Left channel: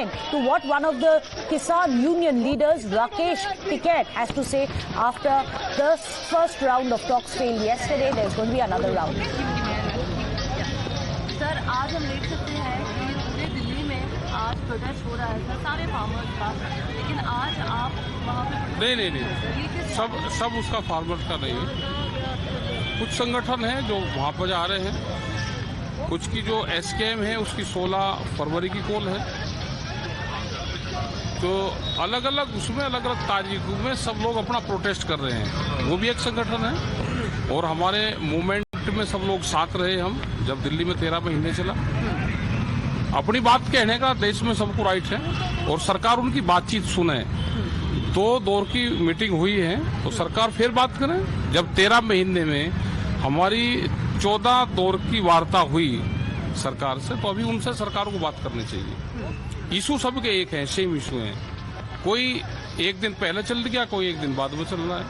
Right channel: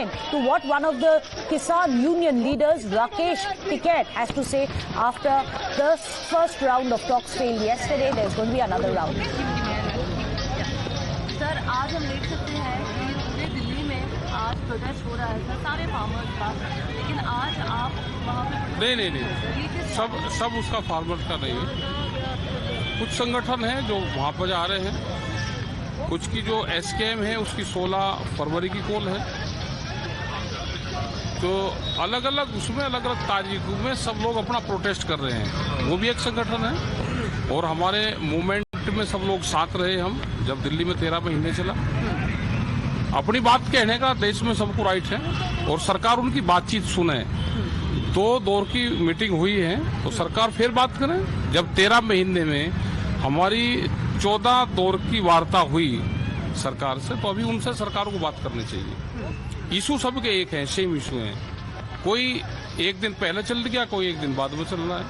listening to what one of the Kisan Union leaders, Rakesh Tiket, has to say after the first round of talks failed yesterday. There's going to be another round. Sir, आज हम देख सकते हैं कि पूरे दिल्ली में आज protest हो रहा है सर, सारे फार्मर्स का, लेकिन आज आप वहाँ पे नहीं सब उसका फार्मर्स का नहीं है। कुछ संगठन हैं जो वहाँ पर जा रहे हैं, कुछ की जो एसकेएम है उसकी 16 फरवरी की कॉल है, तो अलग अलग उसमें अलग अलग तारीखों में सब लोग अपना प्रोटेस्ट कर रहे हैं, वो भी एक संगठन है। और हमारे मूवमेंट में सब लोग साथ रहे। हम जब दिल्ली में 13 महीने चला, अपनी बात कहने का देश में सबको राइट है और सरकार उनकी बातचीत सुने। 2 दौर की मीटिंग हुई है तो सरकार फिर बात करे। जब 13 महीने में हमारी 14 दौर की वार्ता हुई सरकार से, तो अभी उनसे सरकार को बात करनी चाहिए। इशू सबके एक है, सेम इशू है। कोई एक दिन पहले चल गया, कोई एक दिन बाद में चल रहा है।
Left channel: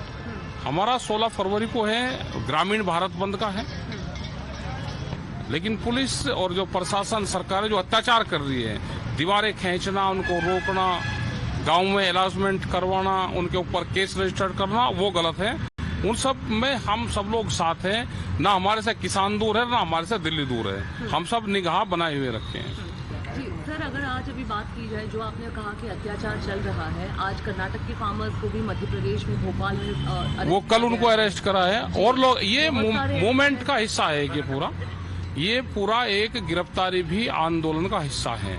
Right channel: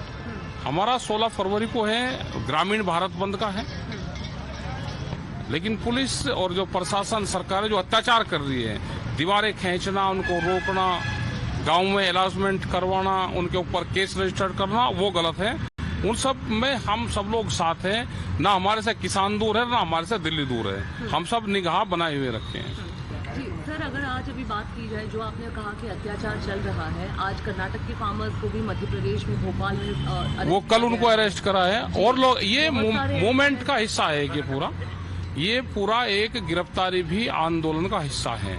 हमारा 16 फरवरी को है, ग्रामीण भारत बंद का है, लेकिन पुलिस और जो प्रशासन सरकार जो अत्याचार कर रही है, दीवारें खींचना, उनको रोकना, गांव में अनाउंसमेंट करवाना, उनके ऊपर केस रजिस्टर करना, वो गलत है। उन सब में हम सब लोग साथ हैं। ना हमारे से किसान दूर है, ना हमारे से दिल्ली दूर है। हम सब निगाह बनाए हुए रखते हैं। सर, अगर आज अभी बात की जाए, जो आपने कहा कि अत्याचार चल रहा है, आज कर्नाटक के फार्मर्स को भी मध्य प्रदेश में भोपाल में वो कल उनको अरेस्ट करा है। और लोग ये मूवमेंट का हिस्सा है ये पूरा एक गिरफ्तारी भी आंदोलन का हिस्सा है।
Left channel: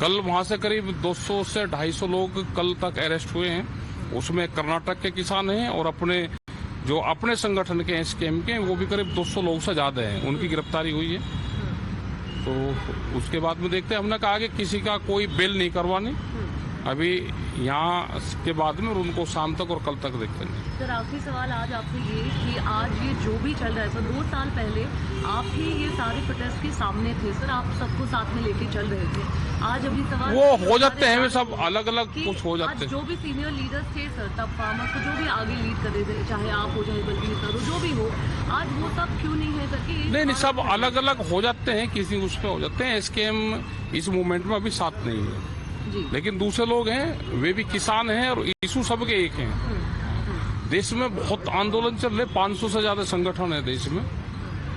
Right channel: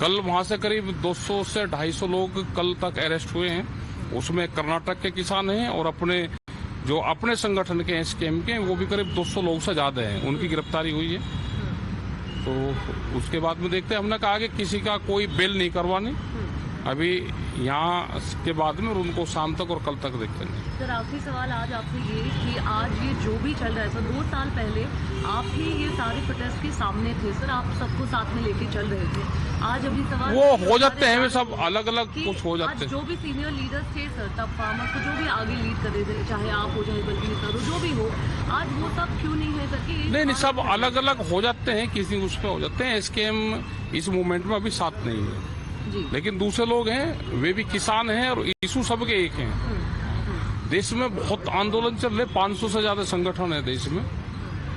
कल वहां से करीब 200 से 250 लोग कल तक अरेस्ट हुए हैं। उसमें कर्नाटक के किसान हैं और अपने संगठन के एसकेएम के, वो भी करीब 200 लोग से ज्यादा हैं, उनकी गिरफ्तारी हुई है। तो उसके बाद में देखते हैं, हमने कहा कि किसी का कोई बेल नहीं करवानी अभी यहाँ के बाद में, और उनको शाम तक और कल तक देखते हैं। सर, आखिरी सवाल आज आपसे ये कि आज ये जो भी चल रहा है सर, 2 साल पहले आप ही ये सारे प्रोटेस्ट के सामने थे सर, आप सबको साथ में लेके चल रहे थे। आज अभी सवाल वो हो जाते हैं, वे सब अलग अलग कुछ हो जाते हैं। जो भी सीनियर लीडर्स थे सर, तब फार्मर्स को जो भी आगे लीड कर रहे थे, चाहे आप हो चाहे बल्कि करो, जो भी हो, आज वो सब क्यों नहीं है करके? नहीं, सब अलग अलग हो जाते हैं, किसी उसमें हो जाते हैं। एसकेएम इस मूवमेंट में अभी साथ नहीं है, लेकिन दूसरे लोग हैं, वे भी किसान हैं और इशू सबके एक हैं। देश में बहुत आंदोलन चल रहे, 500 से ज्यादा संगठन है देश में,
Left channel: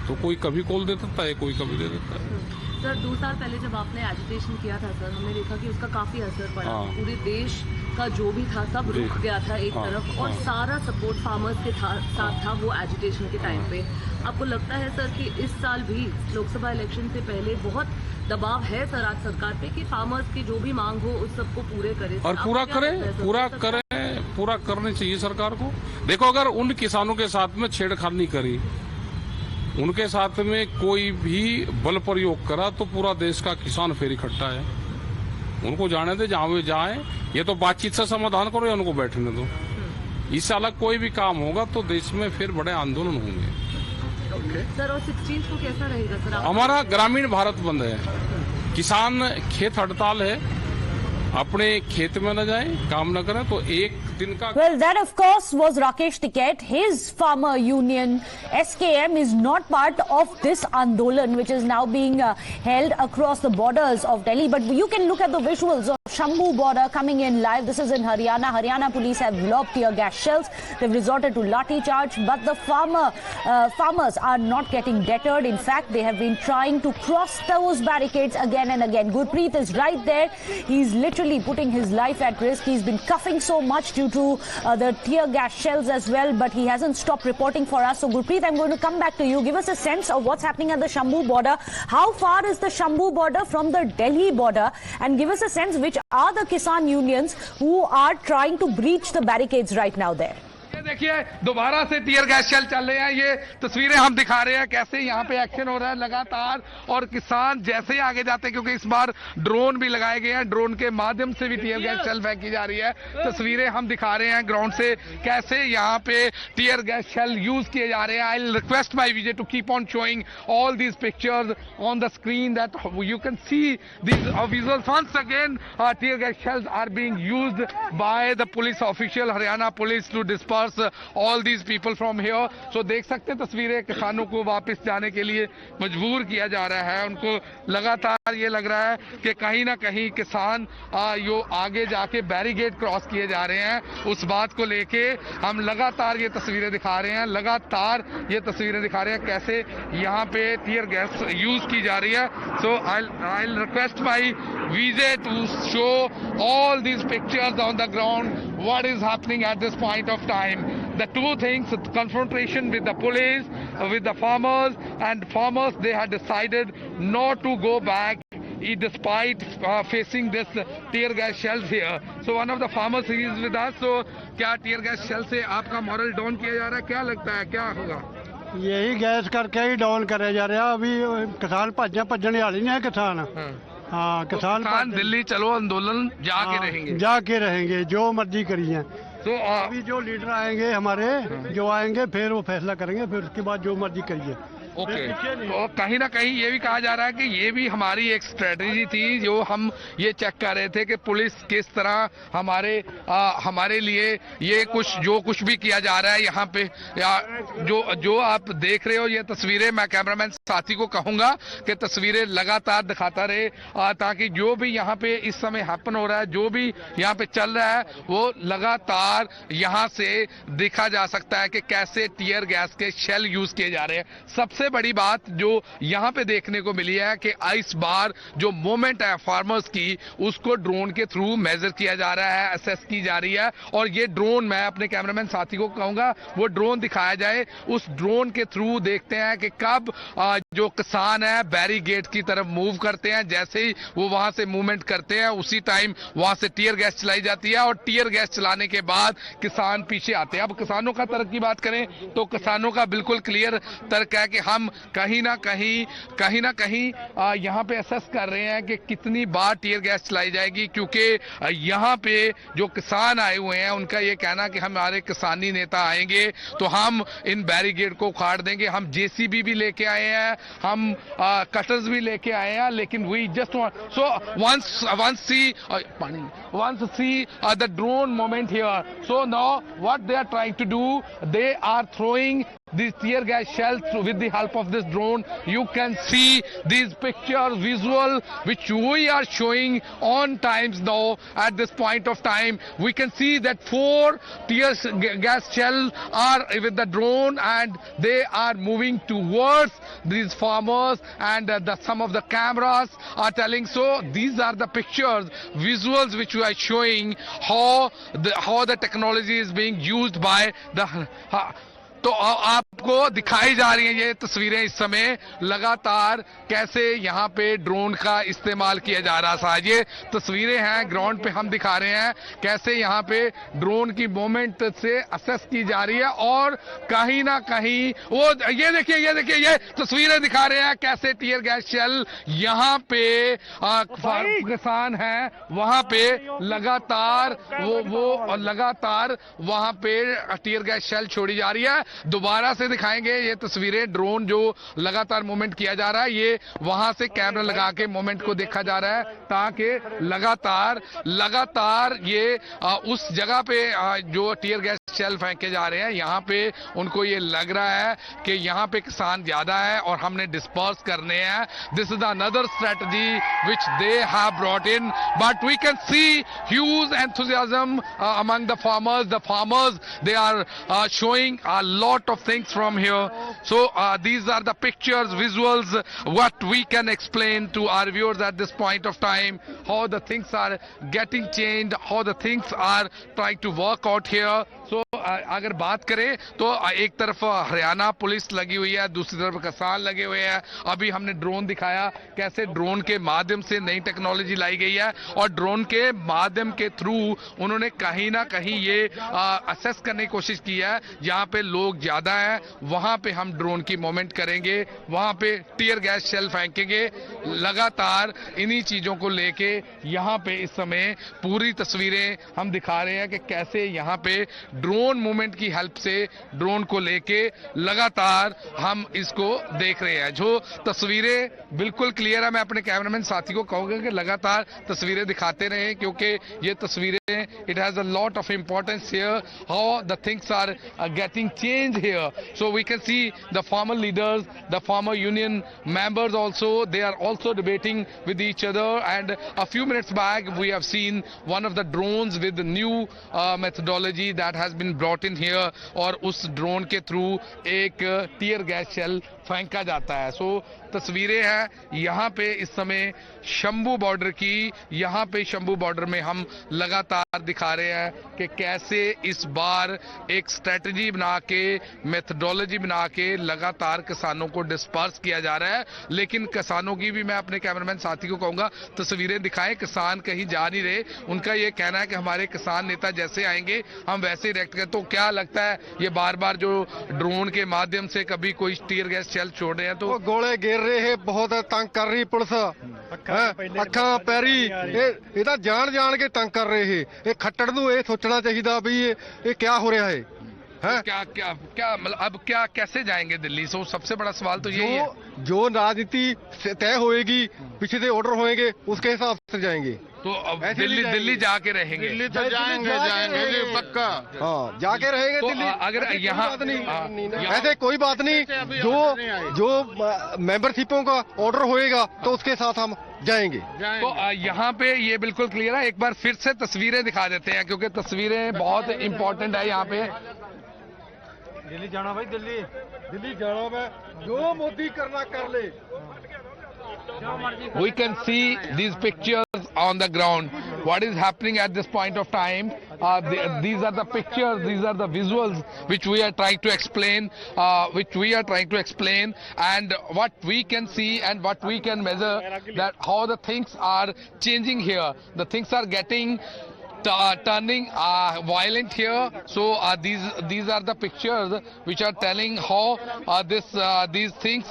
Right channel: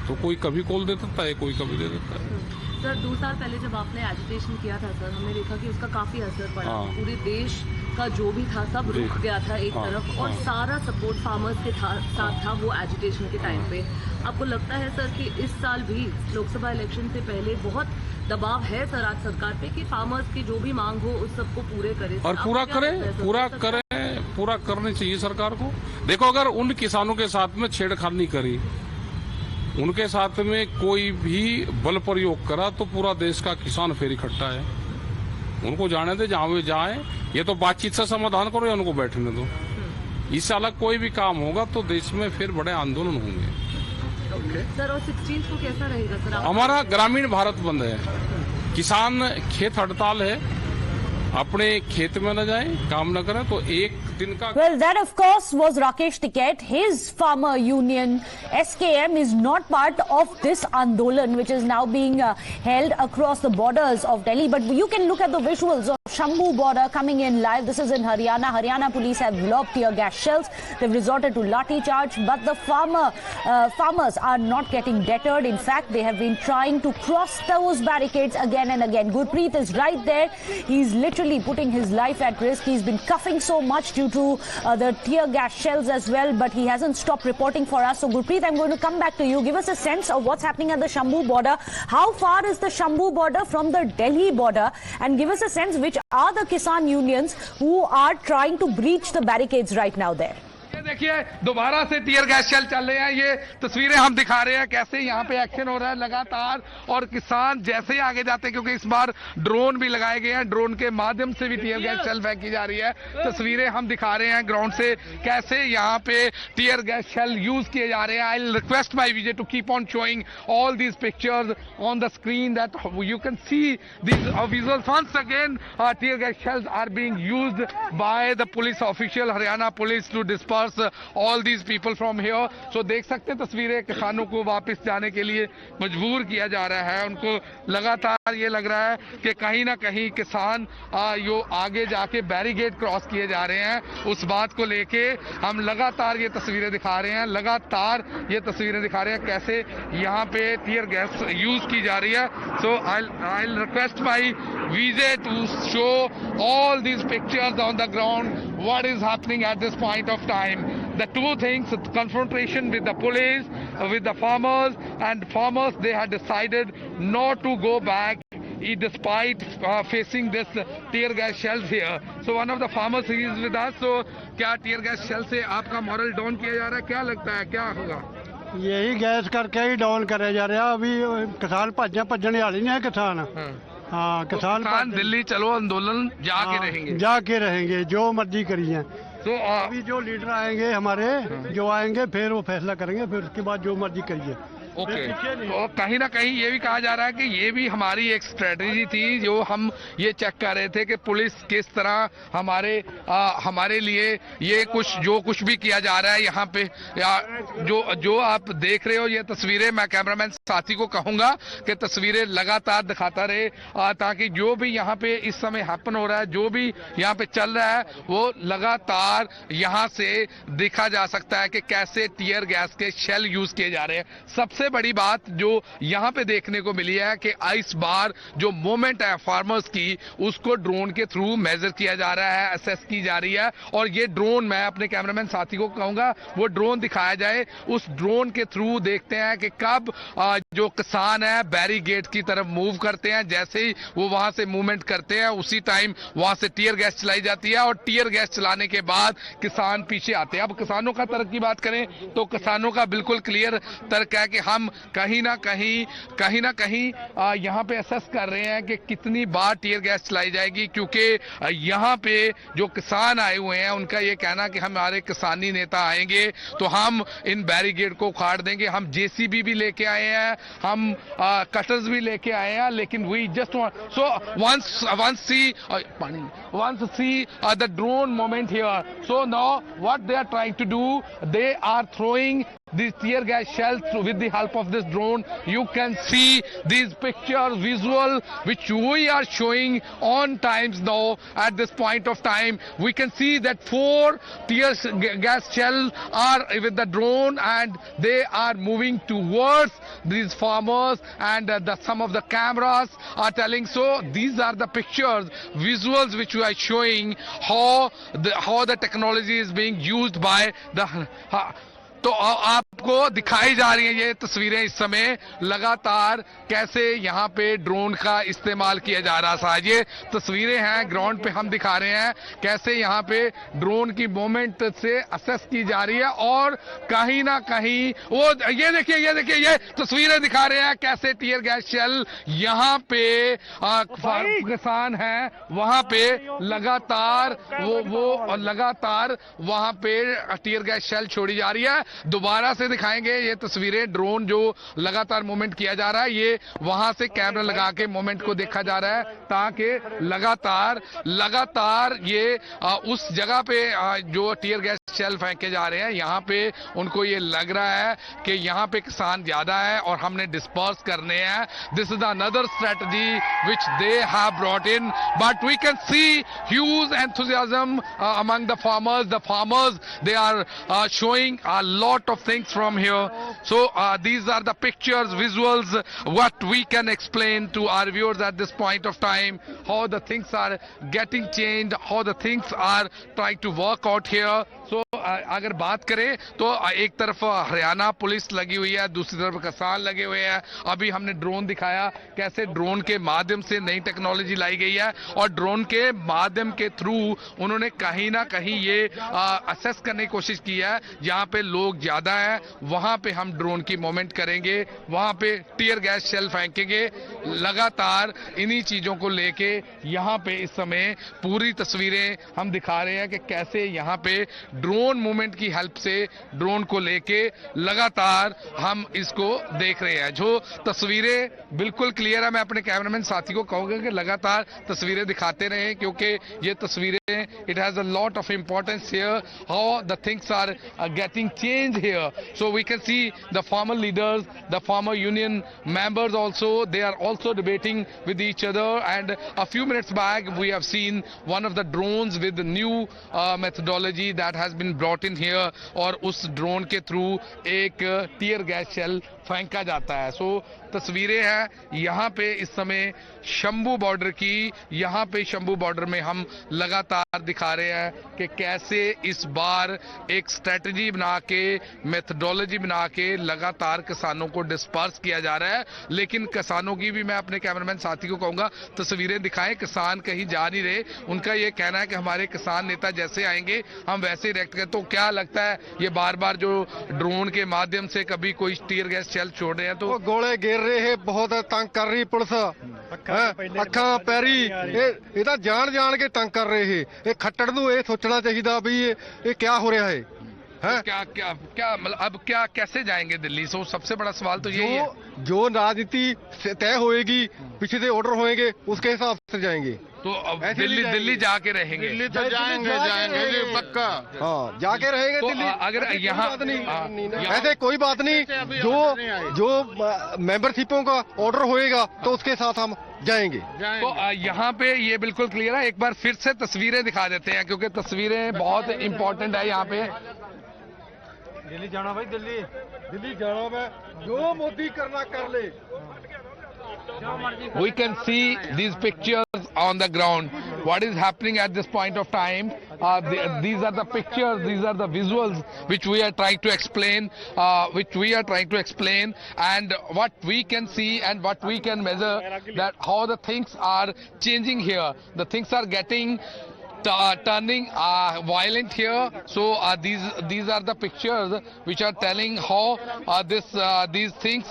तो कोई कभी कॉल दे देता है, कोई कभी दे देता है। सर, 2 साल पहले जब आपने एजिटेशन किया था सर, हमने देखा कि उसका काफी असर पड़ा। पूरे देश का जो भी था सब रुक गया था एक तरफ, और सारा सपोर्ट फार्मर्स के साथ था वो एजिटेशन के टाइम पे। आपको लगता है सर कि इस साल भी लोकसभा इलेक्शन से पहले बहुत दबाव है सर आज सरकार पे कि फार्मर्स की जो भी मांग हो उस सबको पूरे करें और पूरा करनी चाहिए सरकार को। देखो, अगर उन किसानों के साथ में छेड़खानी करी, उनके साथ में कोई भी बल प्रयोग करा, तो पूरा देश का किसान फिर इकट्ठा है। उनको जाने दे, जहां वे जाए। ये तो बातचीत से समाधान करो या उनको बैठने दो। इससे अलग कोई भी काम होगा तो देश में फिर बड़े आंदोलन होंगे। सर, और 16 को कैसा रहेगा सर? हमारा ग्रामीण भारत बंद है, किसान खेत हड़ताल है, अपने खेत में न जाए, काम न करें, तो एक दिन का। Well, that of course was Rakesh Tiket. His farmer union SKM is not part of this Andolan, which is now being held across the borders of Delhi. But you can look at the visuals of Shambhu border coming in live. This is in Haryana. Haryana police have lobbed tear gas shells. They've resorted to lathi charge, but the farmers are not getting deterred. In fact, they have been trying to cross those barricades again and again. Gurpreet is right there. He's literally putting his life at risk. He's been coughing so much due to the tear gas shells as well, but he hasn't stopped reporting for us. So Gurpreet, I'm going to come back to you. Give us a sense of what's happening at the Shambhu border. How far is the Shambhu border from the Delhi border? And give us a sense which are the Kisan unions who are trying to breach the barricades right now there. देखिए, दोबारा से tear gas shell चल रहे हैं। ये तस्वीरें हम दिखा रहे हैं कैसे यहाँ पे एक्शन हो रहा है लगातार, और किसान जैसे ही आगे जाते हैं, क्योंकि इस बार ड्रोन भी लगाए गए हैं, ड्रोन के माध्यम से भी टीयर गैस शेल फेंकी जा रही है। तस्वीरें हम दिखा रहे हैं ग्राउंड से कैसे यहाँ पे टीयर गैस शेल यूज किए जा रहे हैं। I request my Vijay to keep on showing all these pictures on the screen that you can see these visuals once again. Tear gas shells are being used by the police official, Haryana police, to disperse all these people from here. So देख सकते हैं तस्वीरें, किसानों को वापस जाने के लिए मजबूर किया जा रहा है। उनको लगातार ये लग रहा है कि कहीं ना कहीं किसान यो आगे जाके बैरिकेड क्रॉस किए जा रहे हैं। उस बात को लेके हम लगातार ये तस्वीरें दिखा रहे हैं, लगातार ये तस्वीरें दिखा रहे हैं कैसे यहाँ पे टीयर गैस यूज की जा रही है। So I request my Vijay to show all these pictures on the ground, what is happening at this point of time. The two things, confrontation with the police, with the farmers, and farmers, they had decided not to go back despite facing this tear gas shells here. So one of the farmers he is with us. So क्या tear gas shell से आपका moral down किया जा रहा है, क्या लगता है क्या होगा? यही गैस करके ही डाउन करे जा रहा। अभी किसान भजने वाले नहीं है किसान। हाँ, किसान दिल्ली चलो आंदोलन जाके रहेंगे जो मर्जी करिए। तो अभी जो लीडर आएंगे हमारे, जो आएंगे फिर वो फैसला करेंगे, फिर उसके बाद जो मर्जी करिए। ओके। तो कहीं ना कहीं ये भी कहा जा रहा है कि ये भी हमारी एक स्ट्रेटजी थी, जो हम ये चेक कर रहे थे कि पुलिस किस तरह हमारे लिए ये जो कुछ भी किया जा रहा है यहाँ पे, या जो आप देख रहे हो ये तस्वीरें, मैं कैमरामैन साथी को कहूंगा कि तस्वीरें लगातार दिखाता रहे, ताकि जो भी यहाँ पे इस समय हैपन हो रहा है, जो भी यहाँ पे चल रहा है, वो लगातार यहाँ से देखा जा सकता है कि कैसे टीयर गैस के शेल यूज किए जा रहे हैं। सबसे बड़ी बात जो यहाँ पे देखने को मिली है कि इस बार जो मूवमेंट है फार्मर्स की, उसको ड्रोन के थ्रू मेजर किया जा रहा है, असेस की जा रही है। और ये ड्रोन, मैं अपने कैमरामैन साथी को कहूंगा वो ड्रोन दिखाया जाए। उस ड्रोन के थ्रू देखते हैं कि कब जो किसान है बैरिकेड की तरफ मूव करते हैं, जैसे ही वो वहां से मूवमेंट करते हैं उसी टाइम वहां से टीयर गैस चलाई जाती है, और टीयर गैस चलाने के बाद किसान पीछे आते हैं। अब किसानों का तर्क की बात करें तो किसानों का बिल्कुल क्लियर तर्क है कि हम कहीं ना कहीं यहाँ पे असेस कर रहे हैं कि कितनी बार टीयर गैस चलाई जाएगी, क्योंकि यहाँ पे जो किसान आए हुए हैं उनका ये कहना कि हमारे किसानी नेता आएंगे तो हम इन बैरिकेड को उखाड़ देंगे। हम जेसीबी भी लेके आए हैं, हम कटर्स भी लेके आए हैं, लेकिन we just saw once see the drone moment here. So now what they are trying to do, they are throwing these tear gas shells with the help of this drone. You can see these pictures, visual, which we are showing on times now. At this point of time, we can see that 4 tear gas shells are with the drone, and they are moving towards these farmers, and some of the cameras are telling. So these are the pictures, visuals, which we are showing how the technology is being used by the तो आपको दिखाई जा रही हैं ये तस्वीरें इस समय लगातार कैसे यहाँ पे ड्रोन का इस्तेमाल किया जा रहा था। ये तस्वीरें हैं ग्राउंड पे, हम दिखा रहे हैं कैसे यहाँ पे ड्रोन की मूवमेंट से असेस की जा रही है, और कहीं ना कहीं वो ये देखिए ये तस्वीरें दिखा रहे हैं कैसे टीयर गैस शेल यहाँ पे किसान है वहां पे लगातार वो लगातार वहां पे टीयर गैस शेल छोड़ी जा रही है। दोबारा से दिखाएंगे ये तस्वीरें, ड्रोन जो लगातार मूवमेंट किया जा रहा है, ये वहां से कैमरा लगा के मूवमेंट को देखा जा रहा है, ताकि लगातार ये उस जगह पे जो टीयर गैस शेल फेंके जा रहे हैं यहाँ पे उनको ये लग रहा है कि यहाँ पे किसान ज्यादा है और हमने डिस्पर्स करने हैं। This is another strategy which they have brought in, but we can see huge enthusiasm among the farmers they are showing a lot of things from here. So these are the pictures, visuals, what we can explain to our viewers at this point of time, how the things are getting changed, how the things are trying to work out here. So अगर बात करें तो एक तरफ Haryana police लगी हुई है, दूसरी तरफ किसान लगे हुए हैं। अभी हमने ड्रोन दिखाया कैसे ड्रोन के माध्यम से नई टेक्नोलॉजी लाई गई है, और ड्रोन के माध्यम के थ्रू उन्होंने कहीं ना कहीं ये असेस करने की कोशिश की है जहां पे लोग ज्यादा है वहां पे हम ड्रोन की मूवमेंट करेंगे, वहां पे टीयर गैस शेल फेंकेंगे। लगातार इन्हीं चीजों को लेके यहाँ पे इस समय पूरी तस्वीरें हम दिखा रहे हैं कि कैसे यहाँ पे ड्रोन ड्रोन मूवमेंट की हेल्प से ड्रोन को लेके लगातार हम इसको देख रहे हैं। जो तस्वीरें बिल्कुल क्लियर है, मैं अपने कैमरामैन साथी को कहूंगा कि लगातार तस्वीरें दिखाते रहे, क्योंकि ये तस्वीरें it has a lot of importance here, how the things are getting change here. So we can see the farmer leaders, the farmer union members also, they are also debating with each other, and a few minutes back we have seen one of the drones with the new methodology that has been brought in here, और उस drone के through एक tear gas shell फेंका जाता है। सो तस्वीरें हैं यहाँ पे इस समय शंभू बॉर्डर की। यहाँ पे शंभू बॉर्डर में हम लगातार दिखा रहे हैं कि कैसे इस बार एक स्ट्रेटजी बना के, मेथडोलॉजी बना के लगातार किसानों को डिस्पर्स किया जा रहा है। लेकिन किसानों की भी मैं अपने कैमरामैन साथी को कहूंगा तस्वीरें दिखाएं, किसान कहीं जा नहीं रहे। उनका ये कहना है कि हमारे किसान नेता जैसे आएंगे हम वैसे ही रिएक्ट करें। तो क्या लगता है ये बार बार जो ड्रोन के माध्यम से कभी कोई टीयर गैस शेल छोड़ रहे हैं तो गोले गिर रहे हैं, बहुत तंग कर रही पुलिस, ਅੱਖਾਂ ਪੈਰੀ ਇਹ ਤਾਂ ਜਾਣ ਕੇ ਤੰਗ ਕਰ ਰਹੇ ਹੈ। ਇਹ ਖੱਟੜ ਨੂੰ ਇਹ ਸੋਚਣਾ ਚਾਹੀਦਾ ਵੀ ਇਹ ਕੀ ਹੋ ਰਿਹਾ ਹੈ। क्या मतलब अब क्या कैसे जाएंगे दिल्ली? सो सबसे बड़ा सवाल तो ये है जो राजनीति तय होएगी, पीछे से ऑर्डर होएंगे, उसके हिसाब से जाएंगे। तो अब दिल्ली जाके रहेंगे, दिल्ली तो जाएंगे पक्का। हाँ, जाके रहेंगे तो दिल्ली। अगर यहाँ ऐसे कोई बात नहीं, जो मेंबरशिपों का ऑर्डर होएगा तो उसके साथ हम जाएंगे। तो यहाँ पे ये बिल्कुल क्लियर है। एक बार फिर से तस्वीरें दिखा देते हैं, क्योंकि तस्वीरें बहुत इंपॉर्टेंट है। यहाँ पे दिल्ली जाना भाई, दिल्ली जाना मैं, जो मोदी करना कर ले। We can see these pictures on the ground. What is happening at this point of time? These are the pictures, these are the visuals which we are trying to explain, and what we can see and what we can measure, that how the things are changing here. The things are getting turning violent here. So these are the pictures which are telling how these things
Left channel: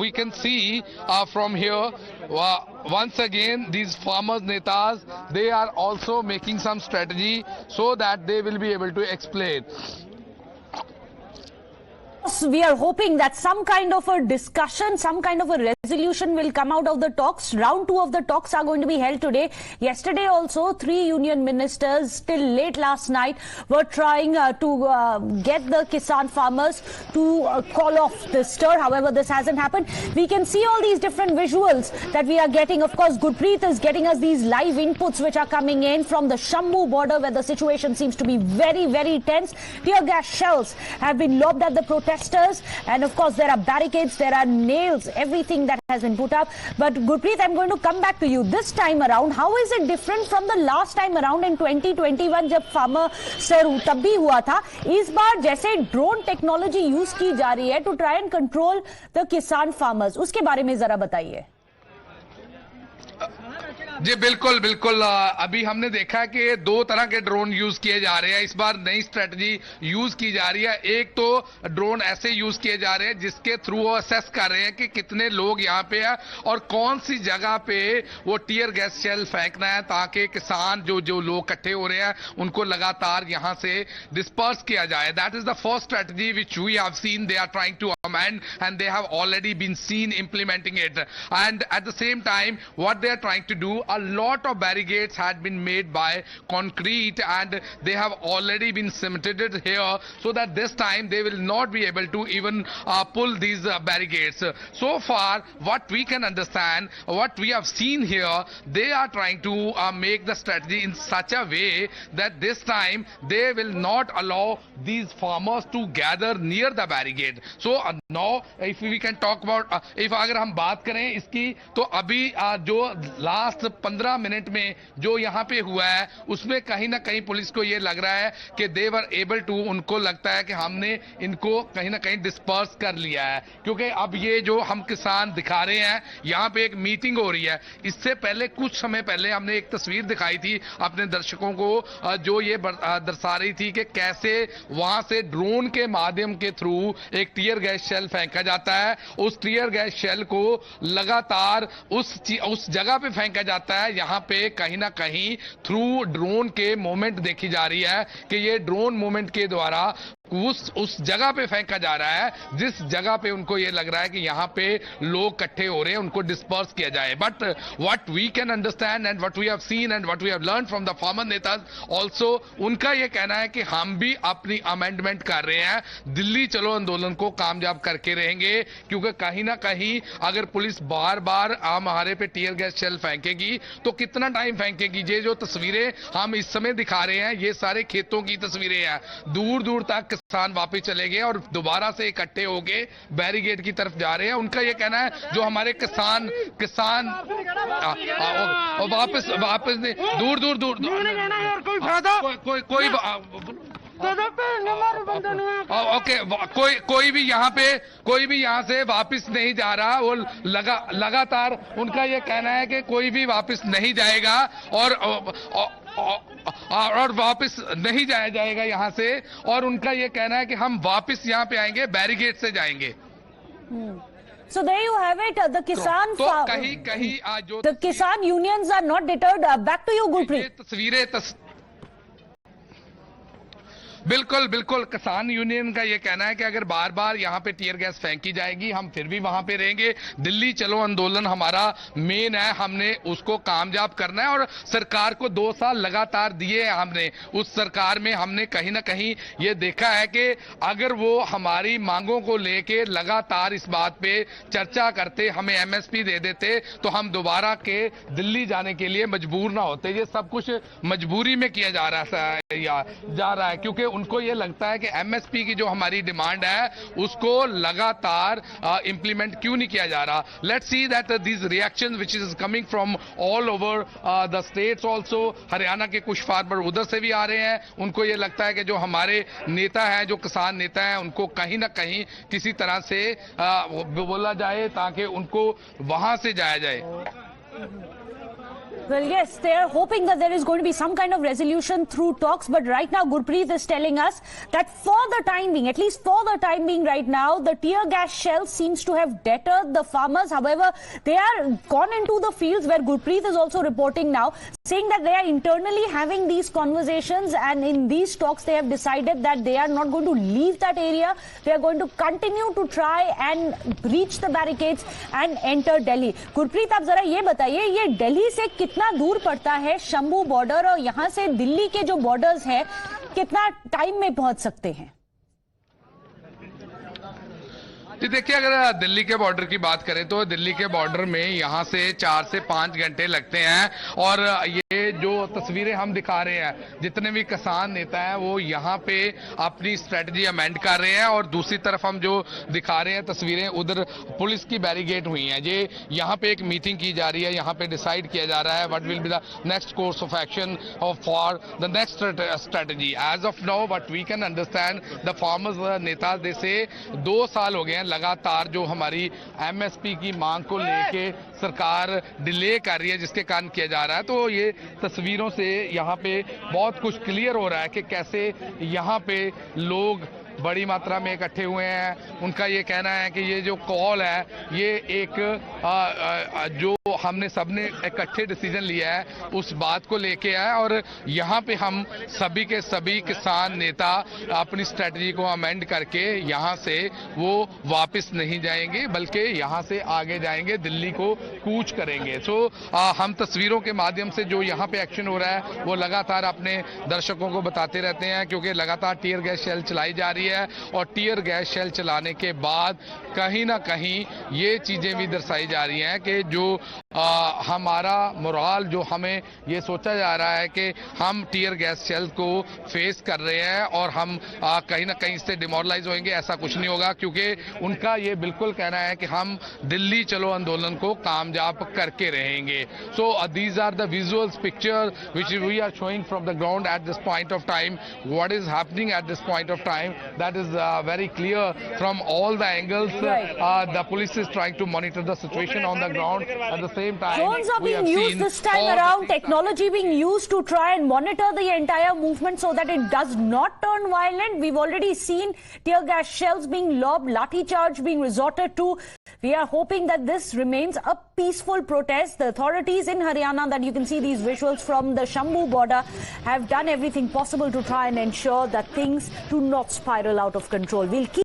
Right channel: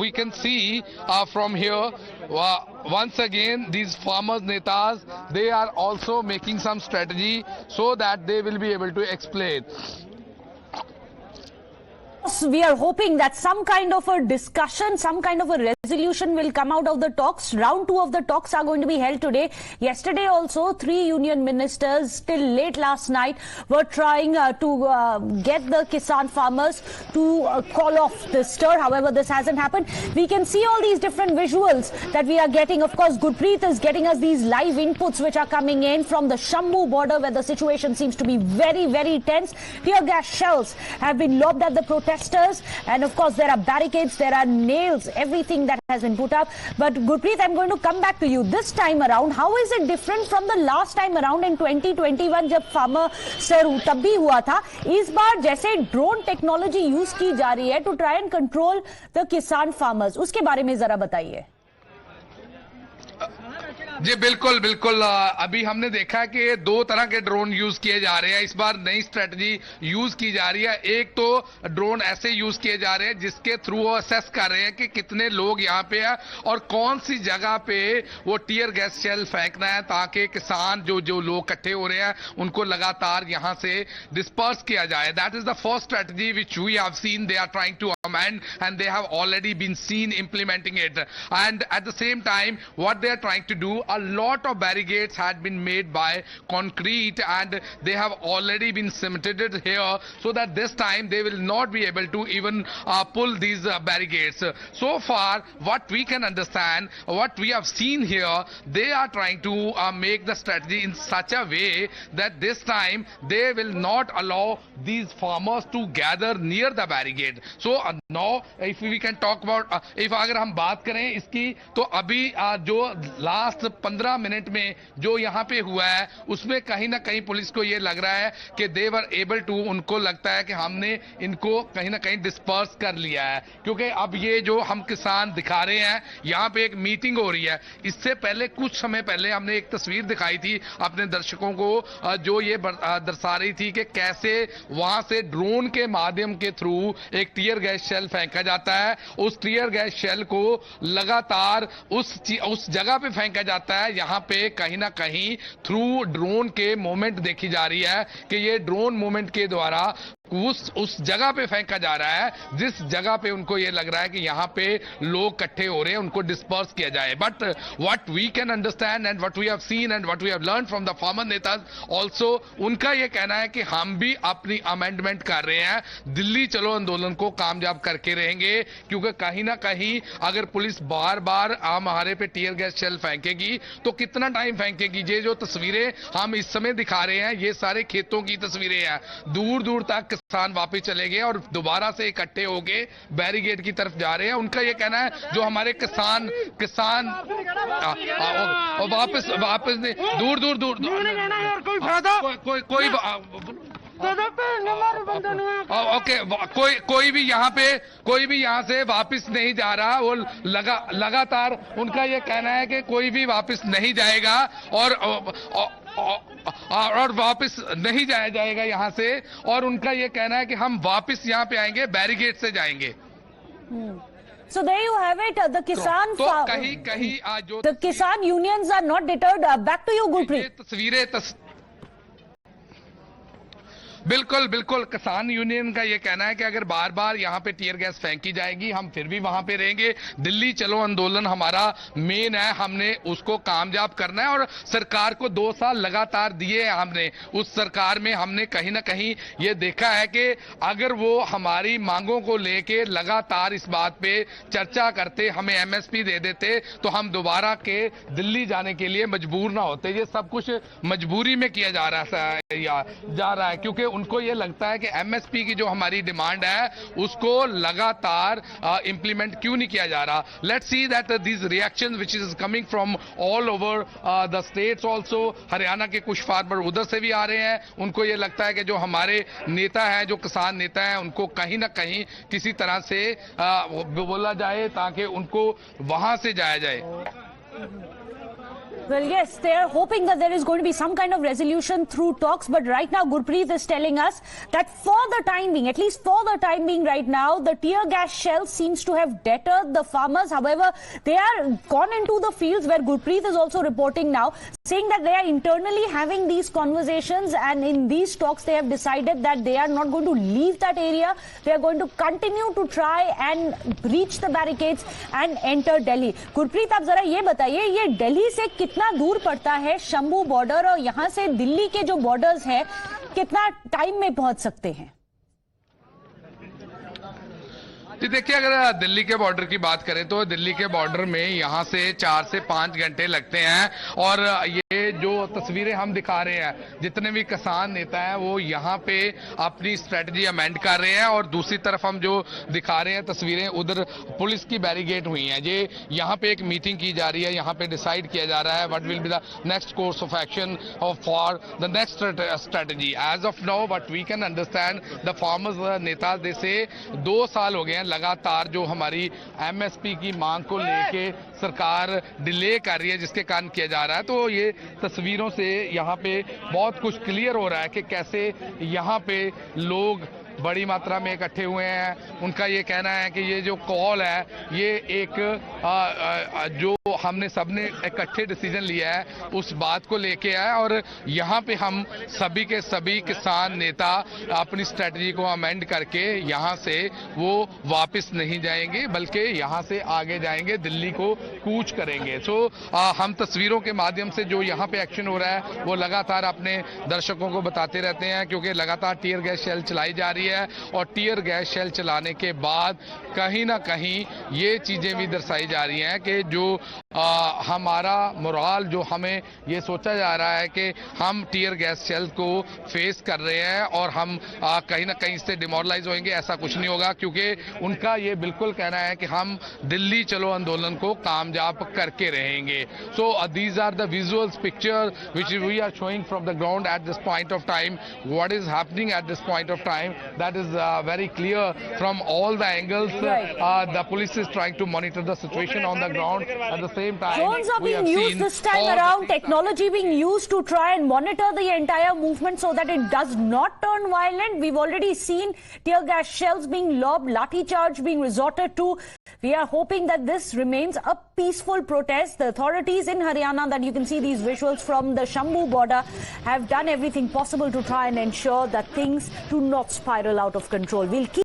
we can see from here. Once again, these farmers netas, they are also making some strategy so that they will be able to explain. We are hoping that some kind of a discussion, some kind of a resolution will come out of the talks. Round 2 of the talks are going to be held today. Yesterday also, 3 union ministers till late last night were trying to get the Kisan farmers to call off the stir. However, this hasn't happened. We can see all these different visuals that we are getting. Of course, Gurpreet is getting us these live inputs which are coming in from the Shambhu border, where the situation seems to be very, very tense. Tear gas shells have been lobbed at the protesters, and of course there are barricades, there are nails, everything that has been put up. But Gurpreet, I'm going to come back to you. This time around, how is it different from the last time around in 2021 जब farmer sir तब भी हुआ था? इस बार जैसे drone technology use की जा रही है to try and control the kisan farmers, उसके बारे में जरा बताइए। जी बिल्कुल अभी हमने देखा कि 2 तरह के ड्रोन यूज किए जा रहे हैं। इस बार नई स्ट्रेटजी यूज की जा रही है। एक तो ड्रोन ऐसे यूज किए जा रहे हैं जिसके थ्रू वो असेस कर रहे हैं कि कितने लोग यहाँ पे हैं और कौन सी जगह पे वो टीयर गैस शेल फेंकना है, ताकि किसान जो लोग इकट्ठे हो रहे हैं उनको लगातार यहाँ से डिस्पर्स किया जाए। That is the first strategy which we have seen they are trying to amend, and they have already been seen implementing it. And at the same time, what they are trying to do, a lot of barricades had been made by concrete, and they have already been cemented here, so that this time they will not be able to even pull these barricades. So far, what we can understand, what we have seen here, they are trying to make the strategy in such a way that this time they will not allow these farmers to gather near the barricade. So now if we can talk about if अगर हम बात करें इसकी, तो अभी जो last 15 minute में जो यहाँ पे हुआ है उसमें कहीं ना कहीं पुलिस को ये लग रहा है कि दे वर एबल टू, उनको लगता है कि हमने इनको कहीं ना कहीं डिस्पर्स कर लिया है, क्योंकि अब ये जो हम किसान दिखा रहे हैं यहाँ पे एक मीटिंग हो रही है। इससे पहले कुछ समय पहले हमने एक तस्वीर दिखाई थी अपने दर्शकों को जो ये दर्शा रही थी कि कैसे वहां से ड्रोन के माध्यम के थ्रू एक टीयर गैस शेल फेंका जाता है। उस टीयर गैस शेल को लगातार उस जगह पे फेंका जाता लगता है यहाँ पे कहीं ना कहीं थ्रू ड्रोन के मूवमेंट देखी जा रही है कि ये ड्रोन मूवमेंट के द्वारा उस जगह पे फेंका जा रहा है जिस जगह पे उनको ये लग रहा है कि यहाँ पे लोग इकट्ठे हो रहे हैं, उनको डिस्पर्स किया जाए. But what we can understand and what we have seen and what we have learn from the farmer netas also, उनका ये कहना है कि हम भी अपनी अमेंडमेंट कर रहे हैं, दिल्ली चलो आंदोलन को कामयाब करके रहेंगे, क्योंकि कहीं ना कहीं अगर पुलिस बार बार हमारे पे टीयर गैस शेल फेंकेगी तो कितना टाइम फेंकेगी. ये जो तस्वीरें हम इस समय दिखा रहे हैं ये सारे खेतों की तस्वीरें हैं. दूर दूर तक किसान वापस चले गए और दोबारा से इकट्ठे होके बैरिकेड की तरफ जा रहे हैं. उनका ये कहना है जो हमारे किसान वापस दूर दूर दूर ओके कोई भी यहाँ से वापस नहीं जा रहा. वो लगातार उनका ये कहना है कि कोई भी वापस नहीं जाएगा और वापस नहीं जाया जाएगा यहाँ से. और उनका ये कहना है कि हम वापस यहाँ पे आएंगे, बैरिकेड से जाएंगे. So there you have it. The Kisan कहीं आज जो the Kisan unions are not deterred. Back to you, Gurpreet. तस्वीरें बिल्कुल बिल्कुल किसान यूनियन का ये कहना है कि अगर बार बार यहाँ पे टीयर गैस फेंकी जाएगी हम फिर भी वहां पे रहेंगे. दिल्ली चलो आंदोलन हमारा मेन है, हमने उसको कामयाब करना है. और सरकार को 2 साल लगातार दिए हैं हमने. उस सरकार में हमने कहीं ना कहीं ये देखा है कि अगर वो हमारी मांगों को लेके लगातार इस बात पे चर्चा करते, हमें एमएसपी दे देते तो हम दोबारा के दिल्ली जाने के लिए मजबूर ना होते. ये सब कुछ मजबूरी में किया जा रहा है क्योंकि उनको ये लगता है कि एमएसपी की जो हमारी डिमांड है उसको लगातार इंप्लीमेंट क्यों नहीं किया जा रहा. Let's see that these reactions which is coming from all over the states also. Haryana के कुछ फार्मर उधर से भी आ रहे हैं. उनको ये लगता है कि जो हमारे नेता हैं, जो किसान नेता हैं, उनको कहीं ना कहीं किसी तरह से बोला जाए ताकि उनको वहां से जाया जाए. Well, yes, they are hoping that there is going to be some kind of resolution through talks. But right now, Gurpreet is telling us that for the time being, at least for the time being right now, the tear gas shell seems to have deterred the farmers. However, they are gone into the fields where Gurpreet is also reporting now, saying that they are internally having these conversations, and in these talks they have decided that they are not going to leave that area. They are going to continue to try and breach the barricades and enter Delhi. Gurpreet, आप जरा ये बताइए, ये दिल्ली से कितना दूर पड़ता है शंभू बॉर्डर, और यहाँ से दिल्ली के जो बॉर्डर्स है कितना टाइम में पहुंच सकते हैं? देखिए, अगर दिल्ली के बॉर्डर की बात करें तो दिल्ली के बॉर्डर में यहाँ से 4 से 5 घंटे लगते हैं. और ये जो तस्वीरें हम दिखा रहे हैं, जितने भी किसान नेता हैं वो यहाँ पे अपनी स्ट्रेटजी अमेंड कर रहे हैं. और दूसरी तरफ हम जो दिखा रहे हैं तस्वीरें, उधर पुलिस की बैरिकेड हुई हैं. ये यहाँ पे एक मीटिंग की जा रही है, यहाँ पे डिसाइड किया जा रहा है what will be the next course of action for the next strategy. As of now what we can understand, the farmers neta जैसे 2 साल हो गए हैं लगातार जो हमारी एमएसपी की मांग को लेके सरकार डिले कर रही है, जिसके कारण किया जा रहा है. तो ये तस्वीरों से यहाँ पे बहुत कुछ क्लियर हो रहा है कि कैसे यहाँ पे लोग बड़ी मात्रा में इकट्ठे हुए हैं. उनका ये कहना है कि ये जो कॉल है ये एक जो हमने सबने इकट्ठे डिसीजन लिया है उस बात को लेके है. और यहाँ पे हम सभी के सभी किसान नेता अपनी स्ट्रेटजी को अमेंड करके यहाँ से वो वापस नहीं जाएंगे, बल्कि यहाँ से आगे जाएंगे, दिल्ली को कूच करेंगे. सो हम तस्वीरों के माध्यम से जो यहाँ पे एक्शन हो रहा है वो लगातार अपने दर्शकों को बताते रहते हैं, क्योंकि लगातार टीयर गैस शेल चलाई जा रही है. और टीयर गैस शेल चलाने के बाद कहीं ना कहीं ये चीजें भी दर्शाई जा रही हैं कि जो हमारा मोराल, जो हमें ये सोचा जा रहा है कि हम टीयर गैस शेल को फेस कर रहे हैं और हम कहीं ना कहीं इससे डिमोरलाइज होंगे, ऐसा कुछ नहीं होगा. क्योंकि उनका ये बिल्कुल कहना है कि हम दिल्ली चलो आंदोलन को कामयाब करके रहेंगे. So these are the visuals picture which we are showing from the ground at this point of time. What is happening at this point of time, that is very clear from all the angles. The police is trying to monitor the situation on the ground. At the same time, drones are being used this time around, technology being used to try and monitor the entire movement so that it does not turn violent. We've already seen tear gas shells being lobbed, lathi charge being resorted to. We are hoping that this remains a peaceful protest. The authorities in Haryana, that you can see these visuals from the Shambu border, have done everything possible to try and ensure that things do not spiral out of control. We'll keep